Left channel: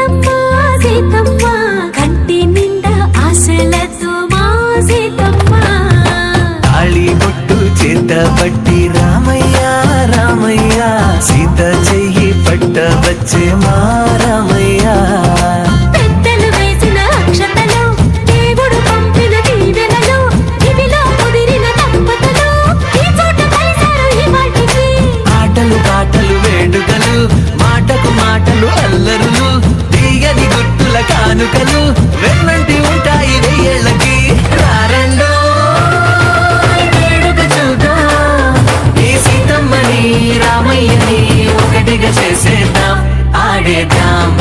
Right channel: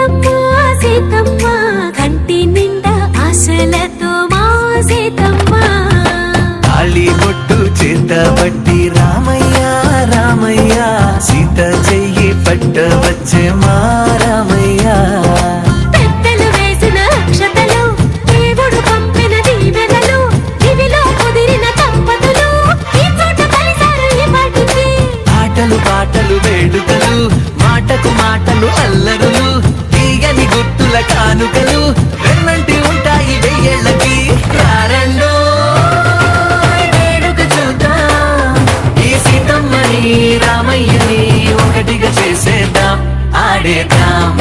సీతమ్మ సీతమ్మ కంటి నిండా ఆశలతో మా సీతమ్మ తాళిబొట్టు చేత పట్టి రామయ్య రామయ్య సీత చెయ్యి పట్ట వచ్చే మా రామయ్య పెద్దలు వేసిన అక్షతలు దేవుడు పంపిన దీవెనలు ఇవిలో కుదిరిన దంపతులు ఈ చోట కలిసారు ఈ వాటికి ఆటలు పాటలు వేడుకలు మాటకు మాటలు అల్లరులు తీయని గుర్తుల కానుకలు వెన్నంటి ఉంటాయి వెయ్యేళ్ళకి రారండో వేడుక చూద్దాం ఈ సీతమ్మని రామయ్యని ఒకటిగా చేసేద్దాం ఆడేద్దాం